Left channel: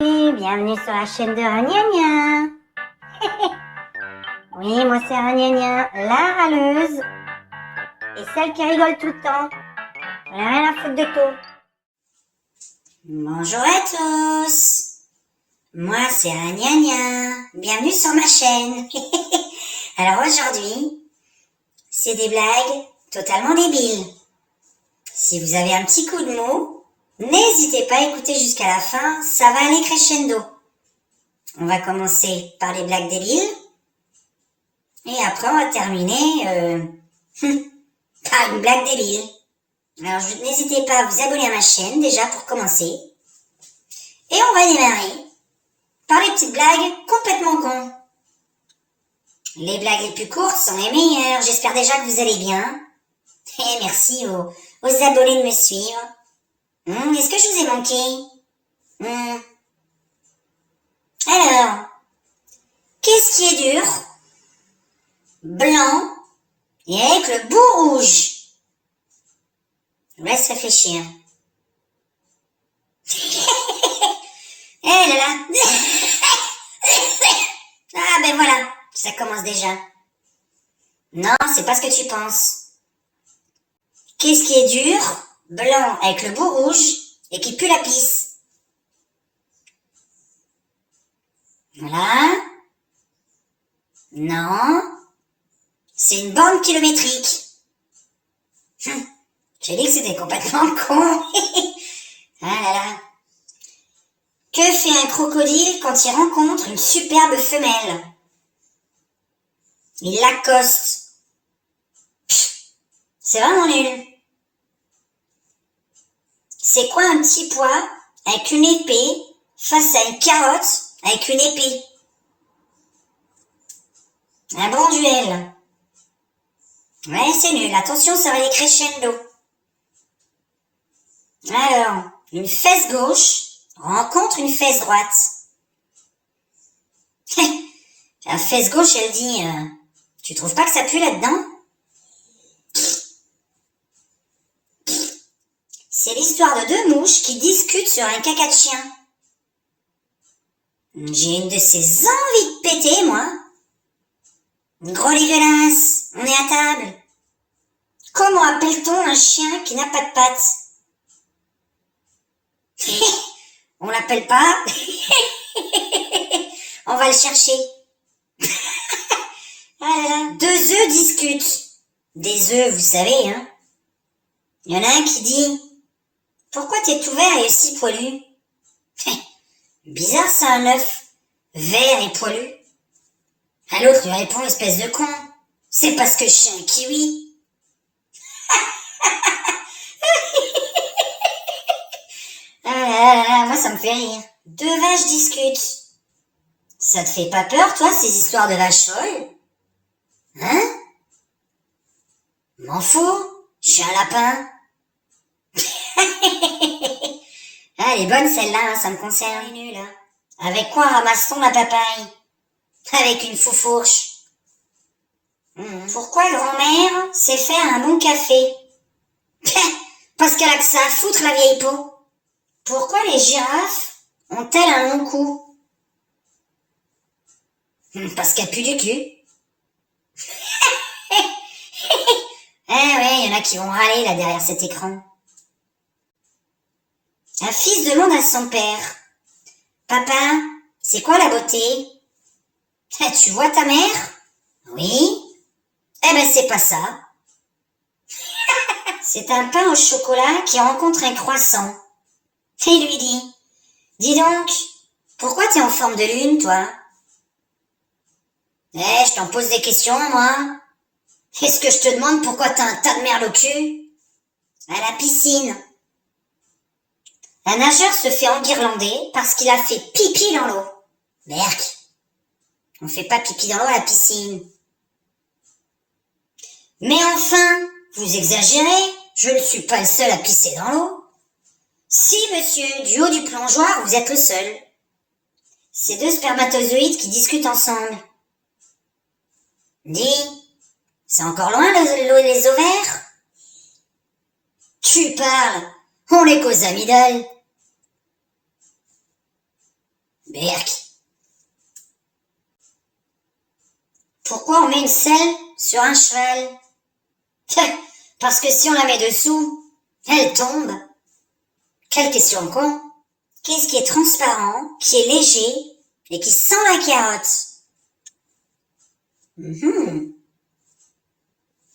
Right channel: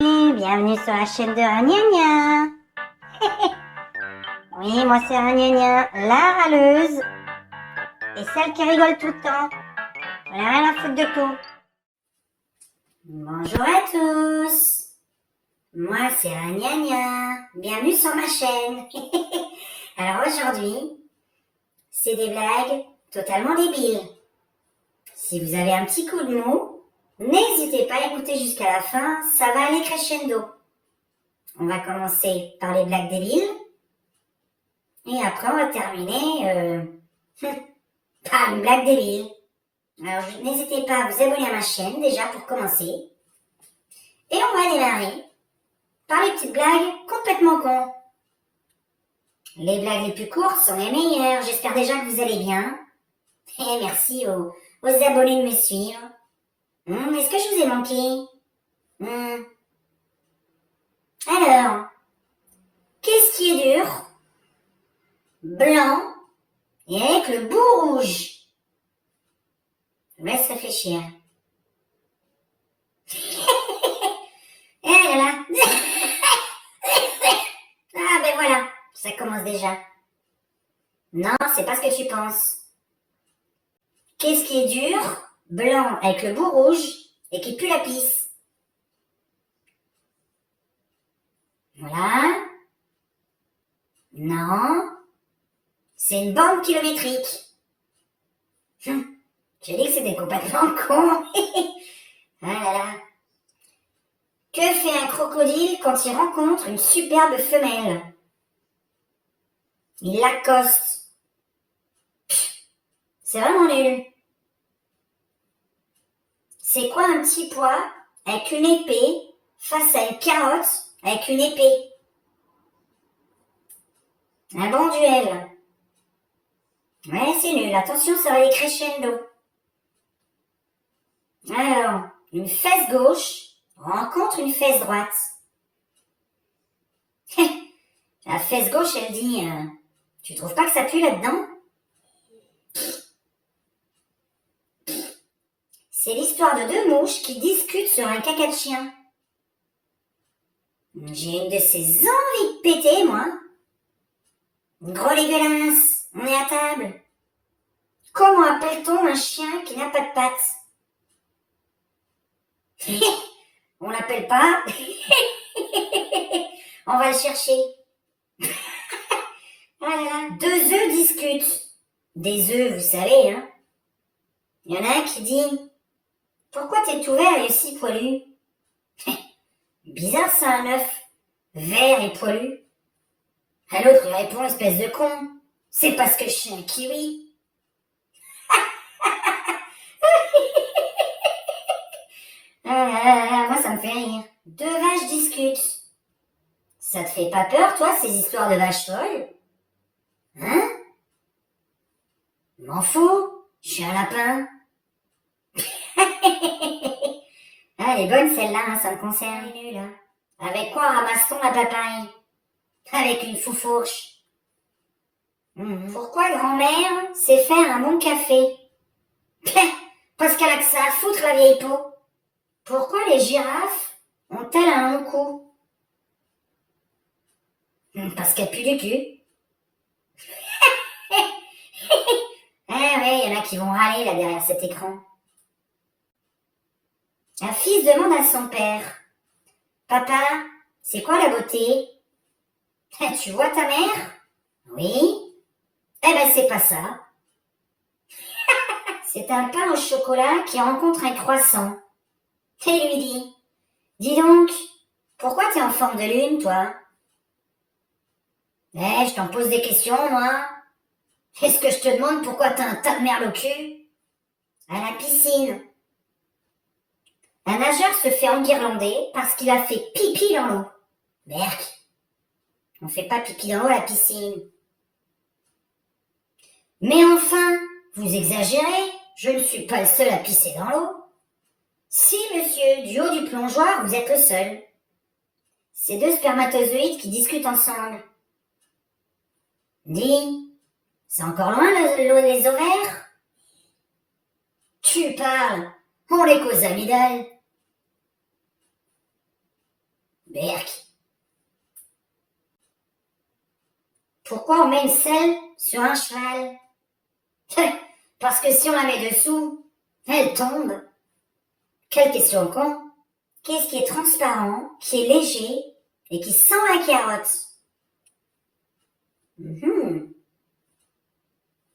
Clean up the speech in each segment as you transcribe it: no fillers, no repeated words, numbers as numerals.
Bienvenue sur la chaîne de Ragnagna. Oui, moi c'est Ragnagna, la râleuse. Et celle qui rigole tout le temps. Elle a rien à foutre de tout. Bonjour à tous. Moi c'est Ragnagna. Bienvenue sur ma chaîne. Alors aujourd'hui, c'est des blagues totalement débiles. Si vous avez un petit coup de mou, n'hésitez pas à écouter jusqu'à la fin, ça va aller crescendo. On va commencer par les blagues débiles. Et après, on va terminer par une blague débile. Alors, n'hésitez pas à vous abonner à ma chaîne, déjà, pour commencer. Et on va démarrer par les petites blagues complètement cons. Les blagues les plus courtes sont les meilleures. J'espère déjà que vous allez bien. Et merci aux abonnés de me suivre. Est-ce que je vous ai manqué? Alors, qu'est-ce qui est dur, blanc et avec le bout rouge? Je vous laisse réfléchir. Eh là là. Ah ben voilà, ça commence déjà. Non, c'est pas ce que tu penses. Qu'est-ce qui est dur, blanc avec le bout rouge et qui pue la pisse? Voilà. Non. C'est une borne kilométrique. J'ai dit que c'était complètement con. Ah là là. Que fait un crocodile quand il rencontre une superbe femelle? Il l'accoste. C'est vraiment nul. C'est quoi un petit pois avec une épée face à une carotte avec une épée? Un bon duel. Ouais, c'est nul. Attention, ça va aller crescendo. Alors, une fesse gauche rencontre une fesse droite. La fesse gauche, elle dit tu trouves pas que ça pue là-dedans? C'est l'histoire de deux mouches qui discutent sur un caca de chien. J'ai une de ces envies de péter, moi. Gros dégueulasse, on est à table. Comment appelle-t-on un chien qui n'a pas de pattes? On l'appelle pas. On va le chercher. Ah là là. Deux œufs discutent. Des œufs, vous savez, hein. Il y en a un qui dit « Pourquoi t'es tout vert et aussi poilu ?» Bizarre ça, un œuf vert et poilu. À l'autre lui répond « Espèce de con, c'est parce que je suis un kiwi. » Ah, moi ça me fait rire. Deux vaches discutent. Ça te fait pas peur, toi, ces histoires de vaches folles? Hein? M'en fous, je suis un lapin. Ah, elle est bonne celle-là, hein, ça me concerne. Elle est nulle, hein. Avec quoi ramasse-t-on la papaye? Avec une foufourche. Pourquoi grand-mère sait faire un bon café? Parce qu'elle a que ça à foutre, la vieille peau. Pourquoi les girafes ont-elles un long cou? Parce qu'elles puent du cul. Ah ouais, il y en a qui vont râler là derrière cet écran. Un fils demande à son père « Papa, c'est quoi la beauté? Tu vois ta mère? Oui. Eh ben c'est pas ça. C'est un pain au chocolat qui rencontre un croissant. Et il lui dit « Dis donc, pourquoi t'es en forme de lune, toi? » Eh, je t'en pose des questions, moi. Est-ce que je te demande pourquoi t'as un tas de merle au cul? À la piscine. Un nageur se fait enguirlander parce qu'il a fait pipi dans l'eau. Berk, on fait pas pipi dans l'eau à la piscine. Mais enfin, vous exagérez, je ne suis pas le seul à pisser dans l'eau. Si, monsieur, du haut du plongeoir, vous êtes le seul. C'est deux spermatozoïdes qui discutent ensemble. Dis, c'est encore loin les ovaires? Tu parles, on les cause amygdales. Berk. Pourquoi on met une selle sur un cheval? Parce que si on la met dessous, elle tombe. Quelle question con. Qu'est-ce qui est transparent, qui est léger et qui sent la carotte?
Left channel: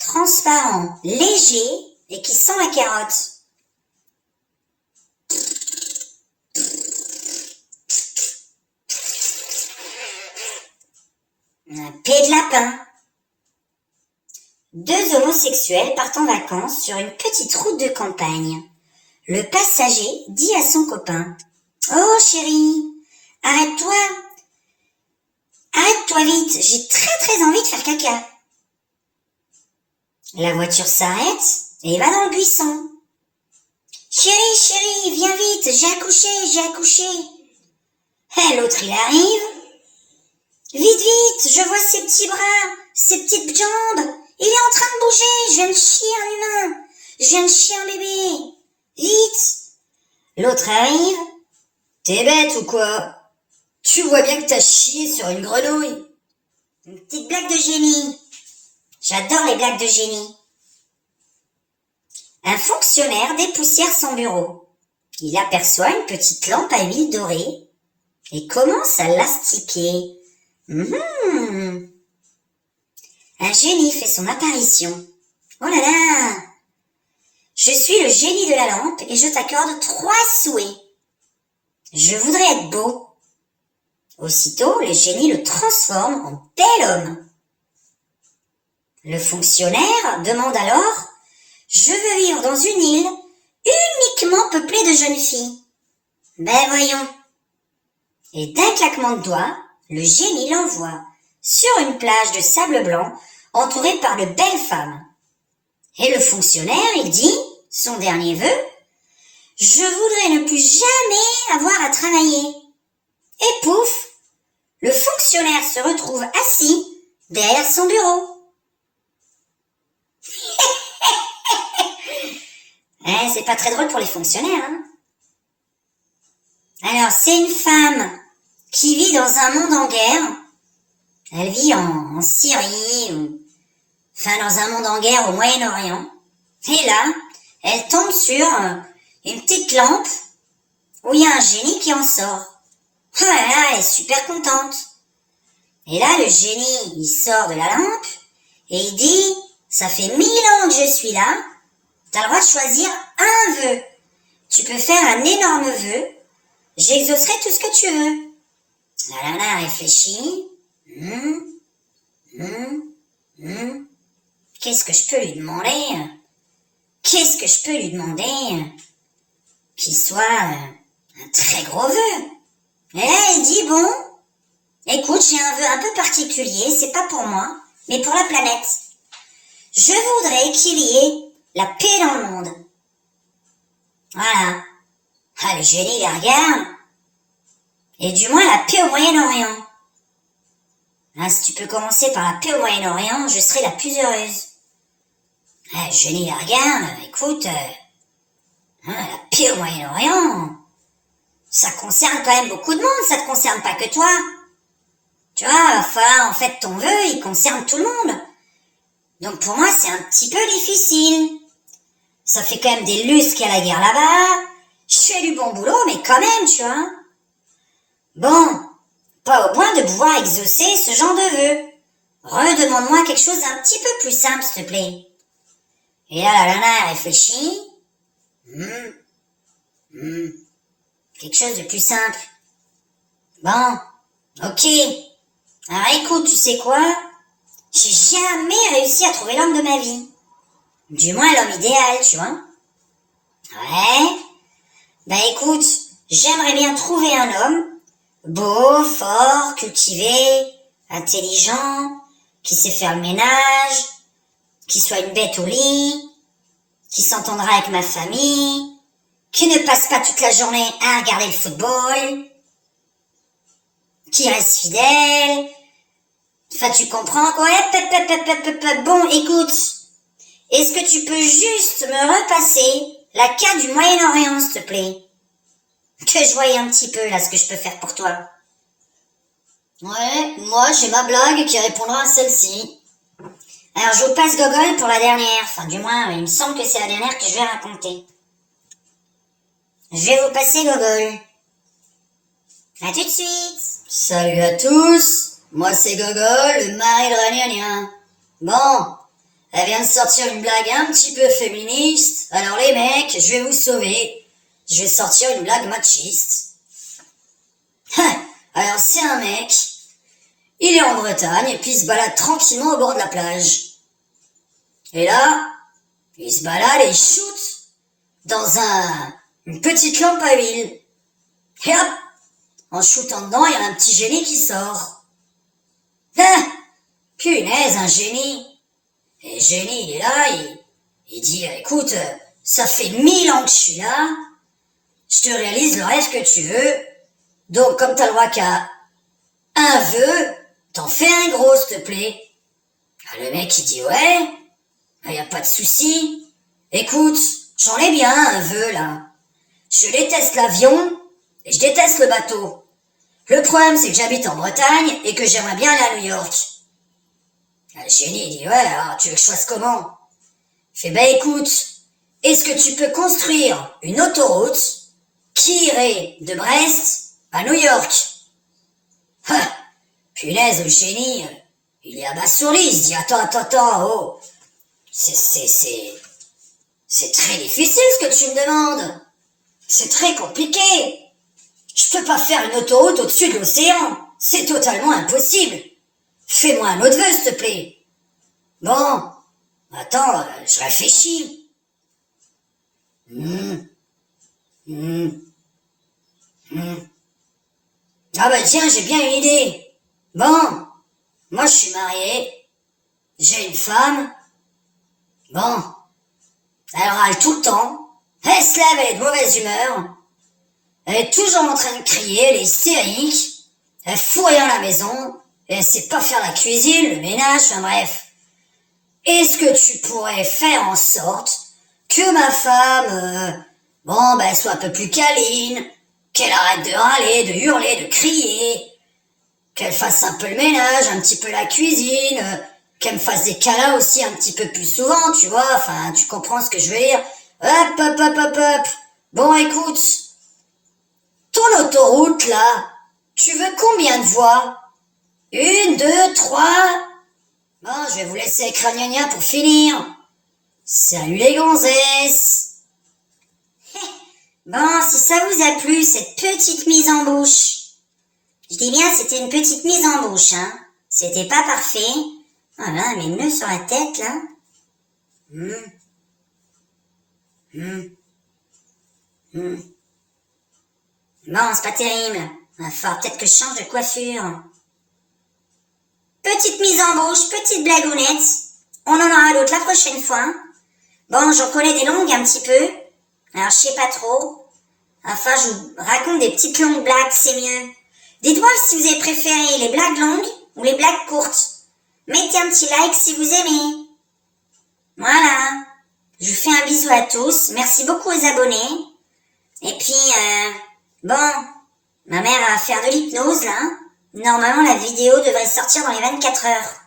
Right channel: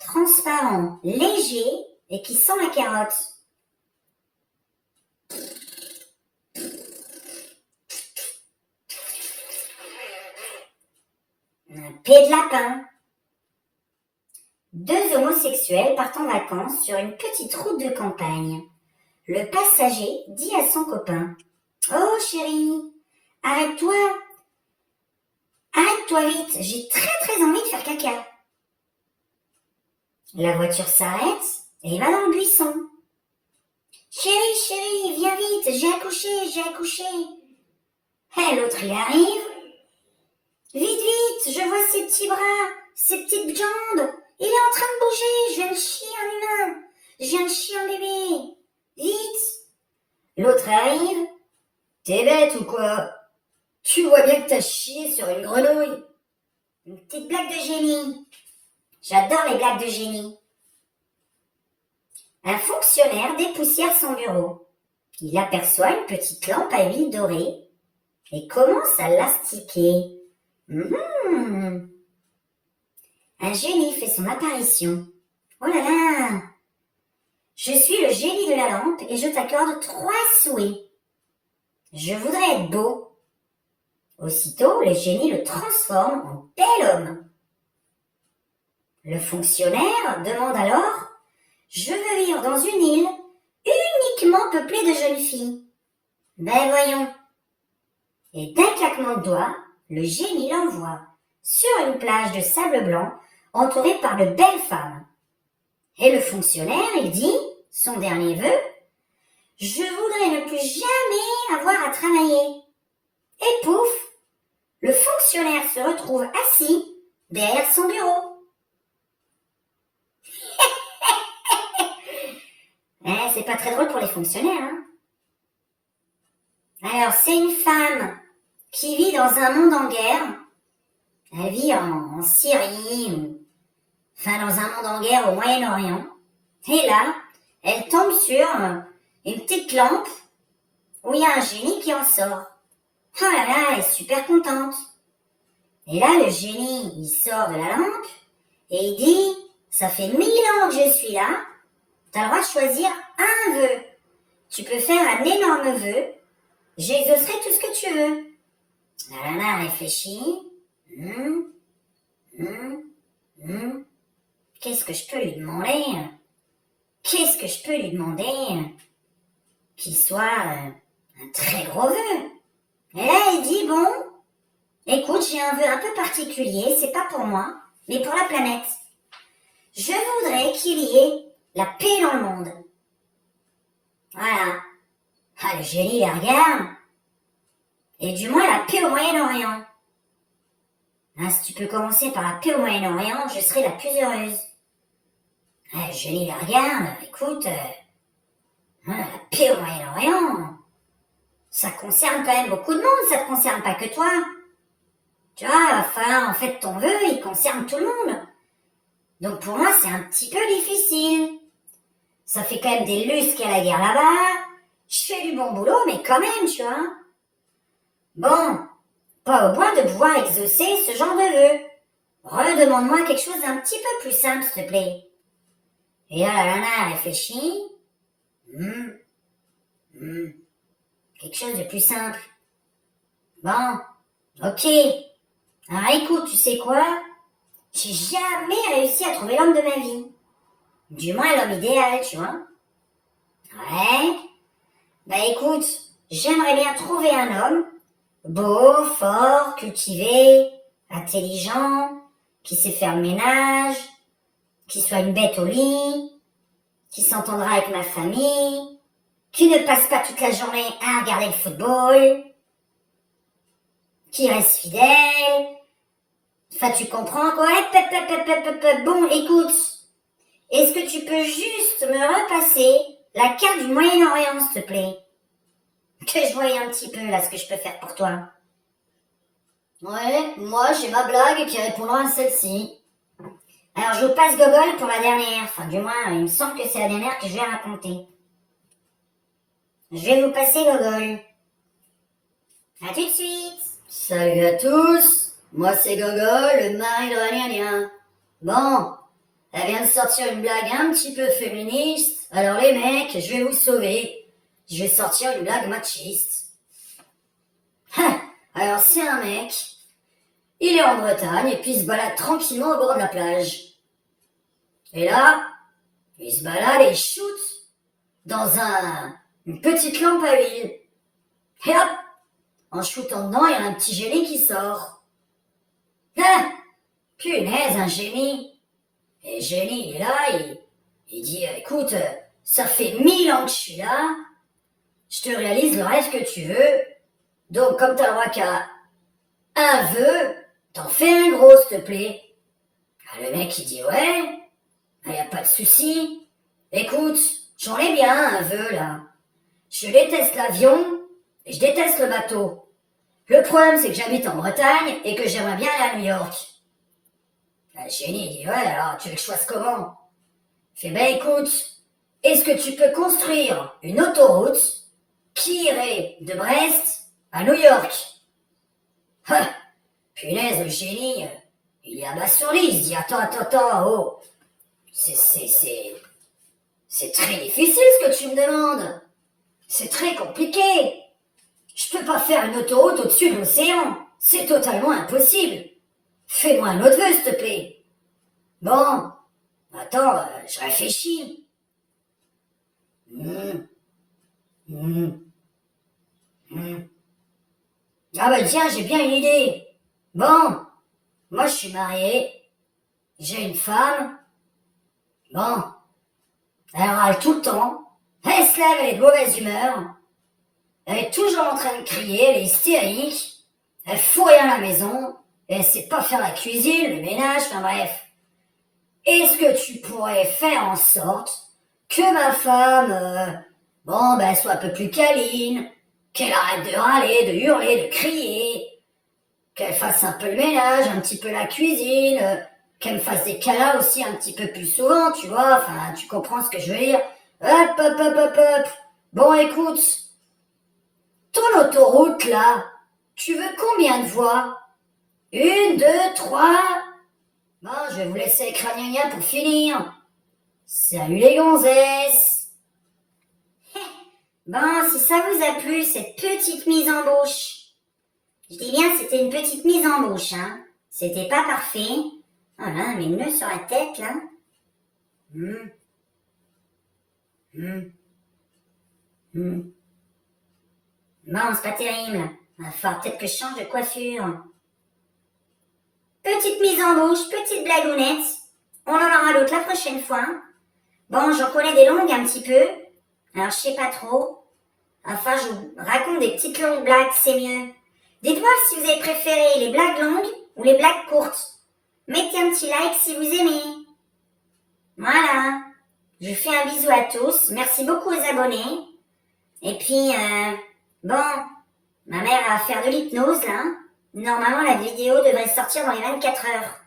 Transparent, léger et qui sent la carotte. Un pied de lapin. Deux homosexuels partent en vacances sur une petite route de campagne. Le passager dit à son copain: « Oh chérie, arrête-toi. Arrête-toi vite, j'ai très envie de faire caca. » La voiture s'arrête et va dans le buisson. « Chérie, viens vite, j'ai accouché. » Et l'autre il arrive. « Vite, je vois ses petits bras, ses petites jambes. Il est en train de bouger, je viens de chier un humain. Je viens de chier un bébé. Vite. » L'autre arrive. « T'es bête ou quoi? Tu vois bien que t'as chié sur une grenouille. » Une petite blague de génie. J'adore les blagues de génie. Un fonctionnaire dépoussière son bureau. Il aperçoit une petite lampe à huile dorée et commence à l'astiquer. Un génie fait son apparition. Oh là là! Je suis le génie de la lampe et je t'accorde 3 souhaits. Je voudrais être beau. Aussitôt, le génie le transforme en bel homme. Le fonctionnaire demande alors: « Je veux vivre dans une île uniquement peuplée de jeunes filles. » Ben voyons. Et d'un claquement de doigts, le génie l'envoie sur une plage de sable blanc entourée par de belles femmes. Et le fonctionnaire, il dit son dernier vœu: « Je voudrais ne plus jamais avoir à travailler. » Et pouf, le fonctionnaire se retrouve assis derrière son bureau. C'est pas très drôle pour les fonctionnaires, hein. Alors, c'est une femme qui vit dans un monde en guerre. Elle vit en Syrie, dans un monde en guerre au Moyen-Orient. Et là, elle tombe sur une petite lampe où il y a un génie qui en sort. Oh là là, elle est super contente. Et là, le génie, il sort de la lampe et il dit: « Ça fait 1000 ans que je suis là. T'as le droit de choisir un vœu. Tu peux faire un énorme vœu. J'exaucerai tout ce que tu veux. » La nana réfléchit. Qu'est-ce que je peux lui demander? Qu'il soit un très gros vœu. Et là, elle dit: « Bon, écoute, j'ai un vœu un peu particulier. C'est pas pour moi, mais pour la planète. Je voudrais qu'il y ait la paix dans le monde. » Voilà. Ah, le génie la regarde. Et du moins la paix au Moyen-Orient. Ah, si tu peux commencer par la paix au Moyen-Orient, je serai la plus heureuse. Ah, le génie la regarde. Écoute, la paix au Moyen-Orient, ça concerne quand même beaucoup de monde, ça te concerne pas que toi. Tu vois, va falloir, en fait, ton vœu, il concerne tout le monde. Donc pour moi, c'est un petit peu difficile. Ça fait quand même des lustres qu'il y a la guerre là-bas. Je fais du bon boulot, mais quand même, tu vois. Bon, pas au point de pouvoir exaucer ce genre de vœu. Redemande-moi quelque chose d'un petit peu plus simple, s'il te plaît. Et là, la nana réfléchit. Quelque chose de plus simple. Bon, ok. Alors écoute, tu sais quoi? J'ai jamais réussi à trouver l'homme de ma vie. Du moins l'homme idéal, tu vois. Ouais. Bah écoute, j'aimerais bien trouver un homme beau, fort, cultivé, intelligent, qui sait faire le ménage, qui soit une bête au lit, qui s'entendra avec ma famille, qui ne passe pas toute la journée à regarder le football, qui reste fidèle. Enfin, tu comprends quoi? Bon, écoute, est-ce que tu peux juste me repasser la carte du Moyen-Orient, s'il te plaît? Que je voie un petit peu, là, ce que je peux faire pour toi. Ouais, moi j'ai ma blague qui répondra à celle-ci. Alors, je vous passe Gogol pour la dernière. Enfin, du moins, il me semble que c'est la dernière que je vais raconter. Je vais vous passer Gogol. À tout de suite. Salut à tous, moi c'est Gogol, le mari de Ragnagna. Bon, elle vient de sortir une blague un petit peu féministe, alors les mecs, je vais vous sauver. Je vais sortir une blague machiste. Alors c'est un mec, il est en Bretagne et puis il se balade tranquillement au bord de la plage. Et là, il se balade et il shoot dans une petite lampe à huile. Et hop, en shootant dedans, il y a un petit génie qui sort. Ah, punaise, un génie. Et le génie, il est là, il dit, écoute, ça fait 1000 ans que je suis là, je te réalise le rêve que tu veux, donc comme t'as le droit qu'à un vœu, t'en fais un gros, s'il te plaît. Ah, le mec, il dit, ouais, y a pas de souci. Écoute, j'en ai bien un vœu, là. Je déteste l'avion et je déteste le bateau. Le problème, c'est que j'habite en Bretagne et que j'aimerais bien aller à New York. Le génie, il dit, ouais, alors tu veux que je fasse comment? Il fait, ben écoute, est-ce que tu peux construire une autoroute qui irait de Brest à New York? Ah, punaise, le génie, il est abasourdi, il se dit, attends, oh, c'est très difficile ce que tu me demandes. C'est très compliqué. Je peux pas faire une autoroute au-dessus de l'océan. C'est totalement impossible. Fais-moi un autre vœu, s'il te plaît. Bon, attends, je réfléchis. Ah bah tiens, j'ai bien une idée. Bon, moi je suis marié, j'ai une femme. Bon, elle râle tout le temps, elle se lève, elle est de mauvaise humeur, elle est toujours en train de crier, elle est hystérique, elle fout rien à la maison, elle sait pas faire la cuisine, le ménage, enfin bref. Est-ce que tu pourrais faire en sorte que ma femme, soit un peu plus câline, qu'elle arrête de râler, de hurler, de crier, qu'elle fasse un peu le ménage, un petit peu la cuisine, qu'elle me fasse des câlins aussi un petit peu plus souvent, tu vois, enfin, tu comprends ce que je veux dire. Hop. Bon, écoute, ton autoroute, là, tu veux combien de voies? 1, 2, 3. Bon, je vais vous laisser avec Ragnagna pour finir. Salut les gonzesses. Bon, si ça vous a plu, cette petite mise en bouche. Je dis bien, c'était une petite mise en bouche, hein. C'était pas parfait. Voilà, mes nœuds sur la tête, là. Bon, c'est pas terrible. Il va falloir peut-être que je change de coiffure. Petite mise en bouche, petite blagounette. On en aura d'autres la prochaine fois. Bon, j'en connais des longues un petit peu. Alors, je sais pas trop. Enfin, je vous raconte des petites longues blagues, c'est mieux. Dites-moi si vous avez préféré les blagues longues ou les blagues courtes. Mettez un petit like si vous aimez. Voilà. Je vous fais un bisou à tous. Merci beaucoup aux abonnés. Et puis, bon, ma mère va faire de l'hypnose, là. Normalement, la vidéo devrait sortir dans les 24 heures.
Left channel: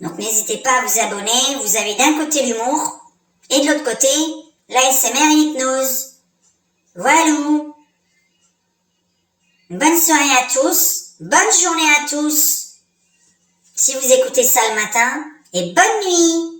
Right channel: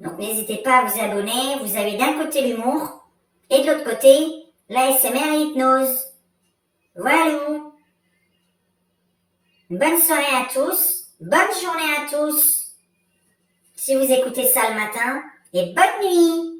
Donc, n'hésitez pas à vous abonner. Vous avez d'un côté l'humour et de l'autre côté, l'ASMR et l'hypnose. Voilà. Bonne soirée à tous. Bonne journée à tous. Si vous écoutez ça le matin. Et bonne nuit.